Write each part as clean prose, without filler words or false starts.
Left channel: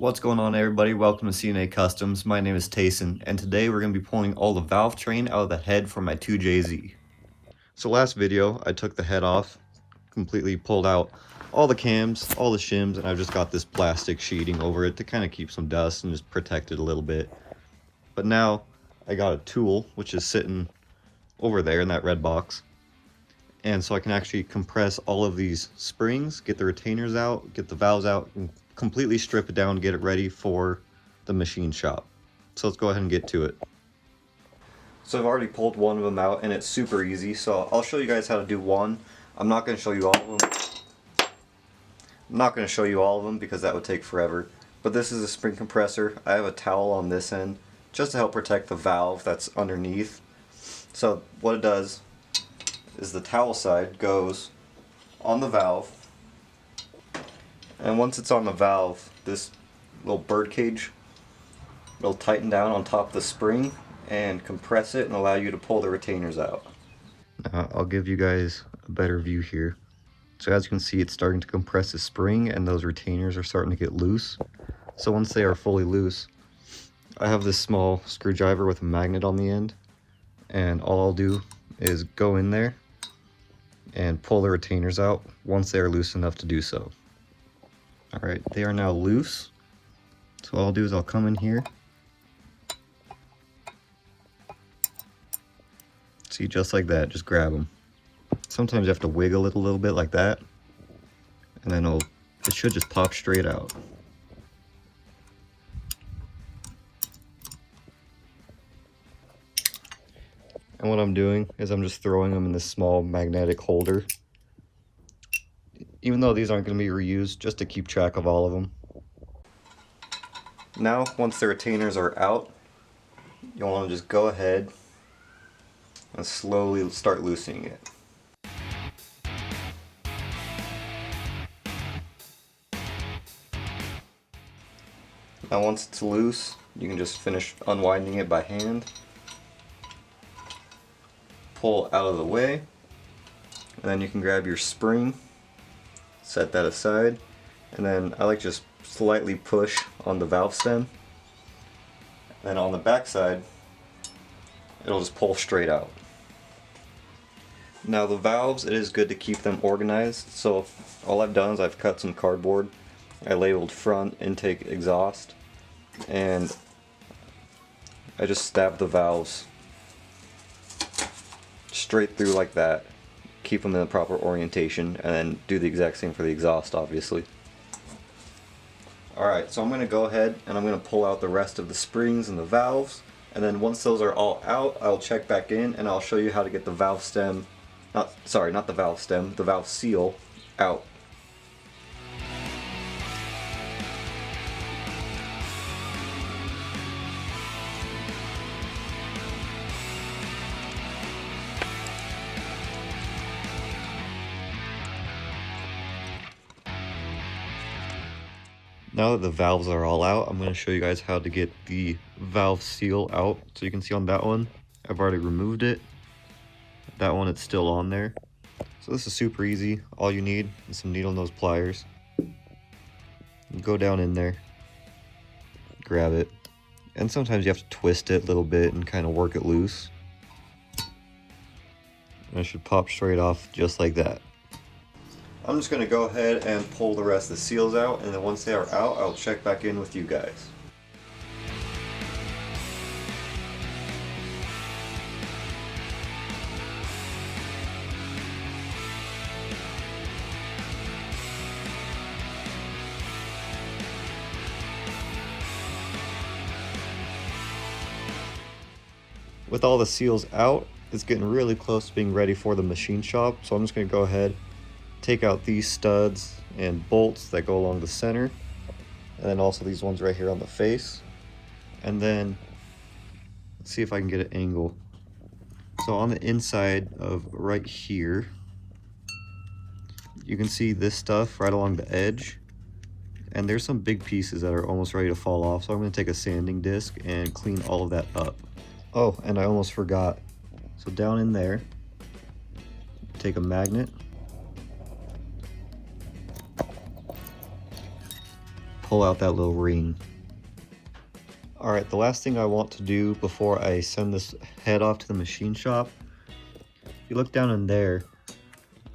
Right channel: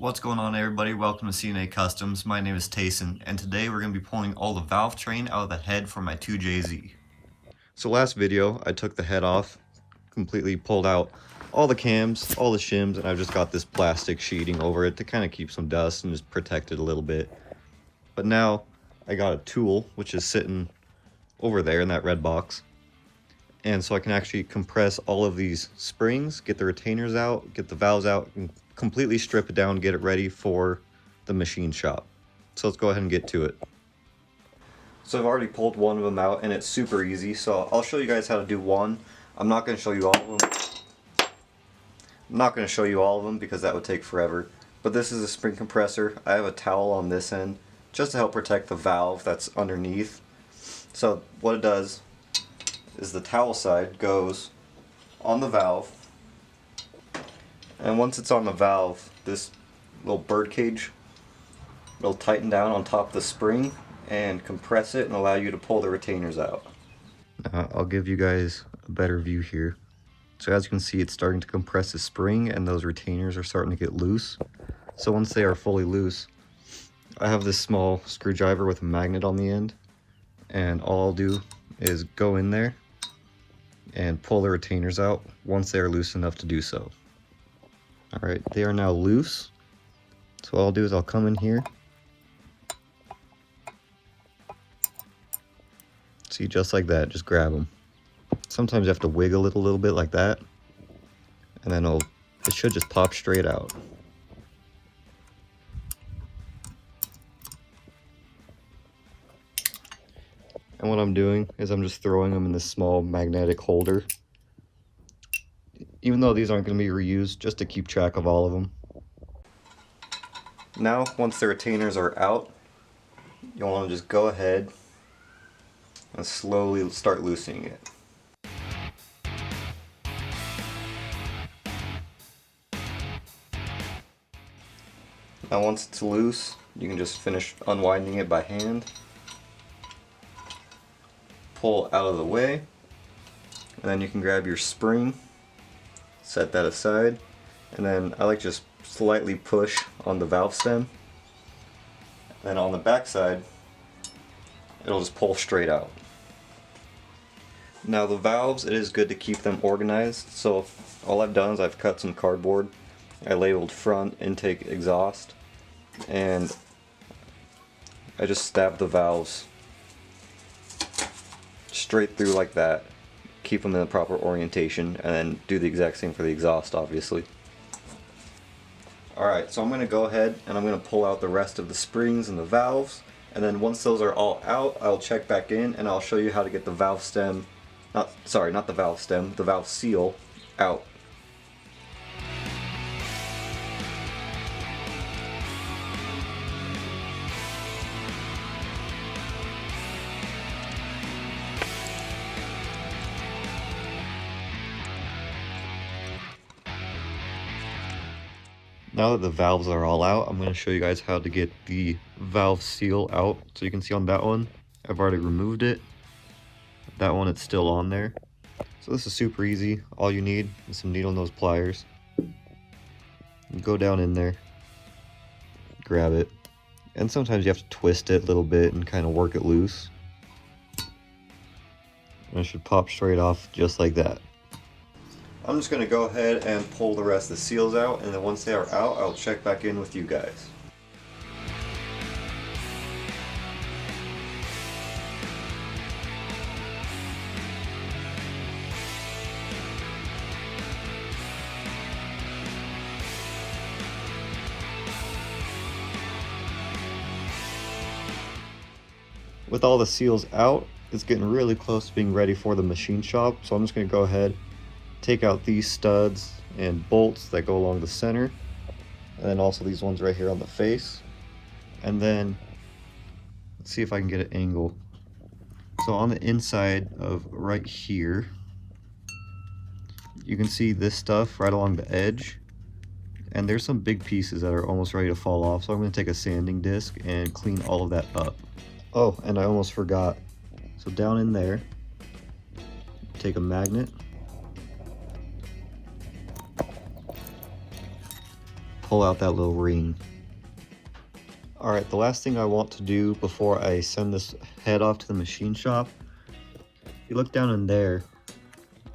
What's going on, everybody? Welcome to CNA Customs. My name is Tayson, and today we're going to be pulling all the Valvetrain out of the head for my 2JZ. So last video, I took the head off, completely pulled out all the cams, all the shims, and I've just got this plastic sheeting over it to kind of keep some dust and just protect it a little bit. But now I got a tool, which is sitting over there in that red box. And so I can actually compress all of these springs, get the retainers out, get the valves out, and completely strip it down, get it ready for the machine shop. So let's go ahead and get to it. So I've already pulled one of them out and it's super easy. So I'll show you guys how to do one. I'm not going to show you all of them. I'm not going to show you all of them because that would take forever. But this is a spring compressor. I have a towel on this end just to help protect the valve that's underneath. So what it does is the towel side goes on the valve, and once it's on the valve, this little bird cage will tighten down on top of the spring and compress it and allow you to pull the retainers out. I'll give you guys a better view here. So as you can see, it's starting to compress the spring and those retainers are starting to get loose. So once they are fully loose, I have this small screwdriver with a magnet on the end, and all I'll do is go in there and pull the retainers out once they are loose enough to do so. Alright, they are now loose. So all I'll do is I'll come in here. See, just like that, just grab them. Sometimes you have to wiggle it a little bit like that, and then it should just pop straight out. And what I'm doing is I'm just throwing them in this small magnetic holder. Even though these aren't going to be reused, just to keep track of all of them. Now, once the retainers are out, you'll want to just go ahead and slowly start loosening it. Now once it's loose, you can just finish unwinding it by hand. Pull out of the way, and then you can grab your spring, set that aside, and then I like just slightly push on the valve stem. Then on the back side, it'll just pull straight out. Now the valves, it is good to keep them organized, so all I've done is I've cut some cardboard. I labeled front, intake, exhaust, and I just stabbed the valves straight through like that, keep them in the proper orientation, and then do the exact same for the exhaust, obviously. Alright, so I'm going to go ahead and I'm going to pull out the rest of the springs and the valves, and then once those are all out, I'll check back in and I'll show you how to get the valve stem, not the valve stem, the valve seal out. Now that the valves are all out, I'm going to show you guys how to get the valve seal out. So you can see on that one, I've already removed it. That one, it's still on there. So this is super easy. All you need is some needle nose pliers. Go down in there, grab it, and sometimes you have to twist it a little bit and kind of work it loose. And it should pop straight off just like that. I'm just going to go ahead and pull the rest of the seals out, and then once they are out, I'll check back in with you guys. With all the seals out, it's getting really close to being ready for the machine shop, so I'm just going to go ahead, take out these studs and bolts that go along the center, and then also these ones right here on the face, and then let's see if I can get an angle. So on the inside of right here, you can see this stuff right along the edge, and there's some big pieces that are almost ready to fall off, so I'm going to take a sanding disc and clean all of that up. Oh, and I almost forgot. So down in there, take a magnet, pull out that little ring. Alright, the last thing I want to do before I send this head off to the machine shop, if you look down in there,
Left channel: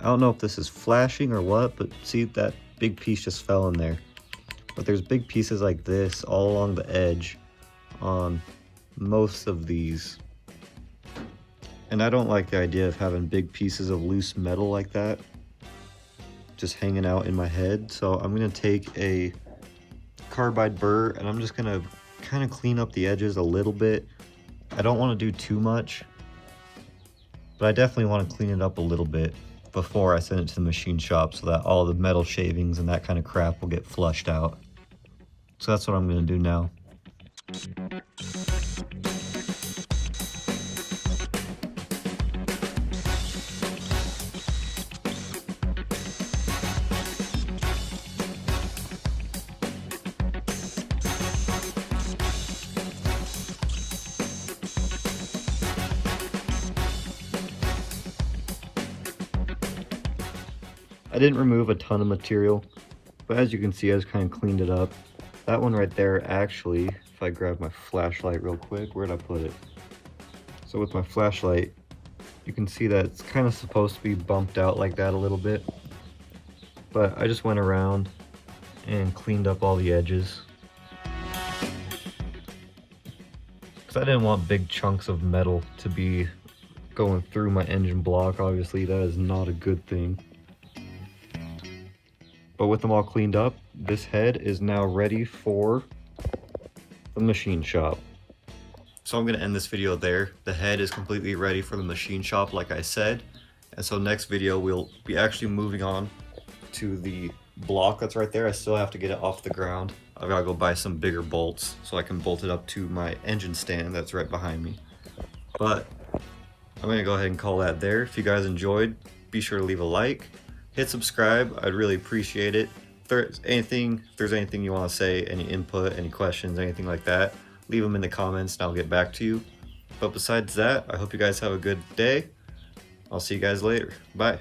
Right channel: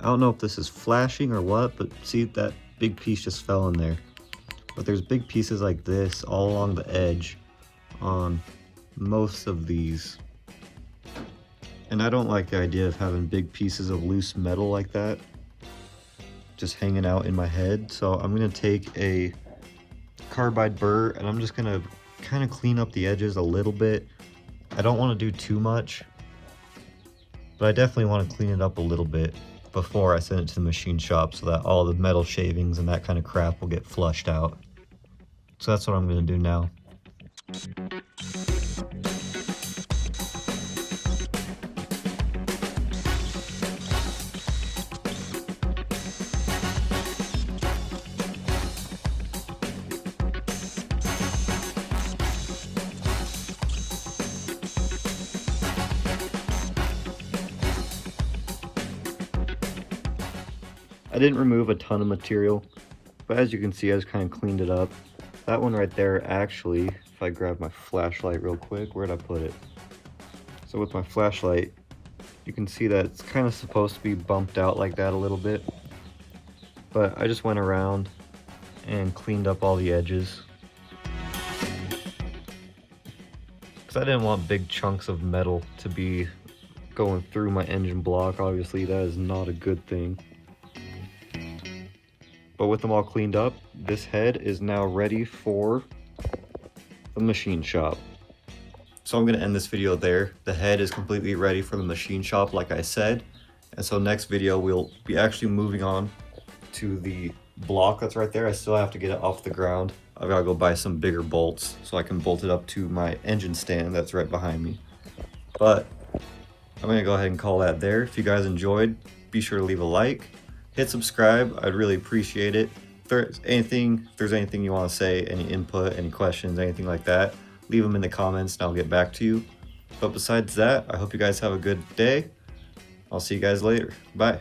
I don't know if this is flashing or what, but see that big piece just fell in there. But there's big pieces like this all along the edge on most of these. And I don't like the idea of having big pieces of loose metal like that just hanging out in my head. So I'm gonna take a carbide burr and I'm just gonna kind of clean up the edges a little bit. I don't want to do too much, but I definitely want to clean it up a little bit before I send it to the machine shop so that all the metal shavings and that kind of crap will get flushed out. So that's what I'm going to do now. I didn't remove a ton of material, but as you can see, I just kind of cleaned it up. That one right there, actually, if I grab my flashlight real quick, where'd I put it? So with my flashlight, you can see that it's kind of supposed to be bumped out like that a little bit. But I just went around and cleaned up all the edges, because I didn't want big chunks of metal to be going through my engine block. Obviously, that is not a good thing. But with them all cleaned up, this head is now ready for the machine shop. So I'm going to end this video there. The head is completely ready for the machine shop, like I said. And so next video, we'll be actually moving on to the block that's right there. I still have to get it off the ground. I've got to go buy some bigger bolts so I can bolt it up to my engine stand that's right behind me. But I'm going to go ahead and call that there. If you guys enjoyed, be sure to leave a like. Hit subscribe, I'd really appreciate it. If there's anything you want to say, any input, any questions, anything like that, leave them in the comments and I'll get back to you. But besides that, I hope you guys have a good day. I'll see you guys later. Bye.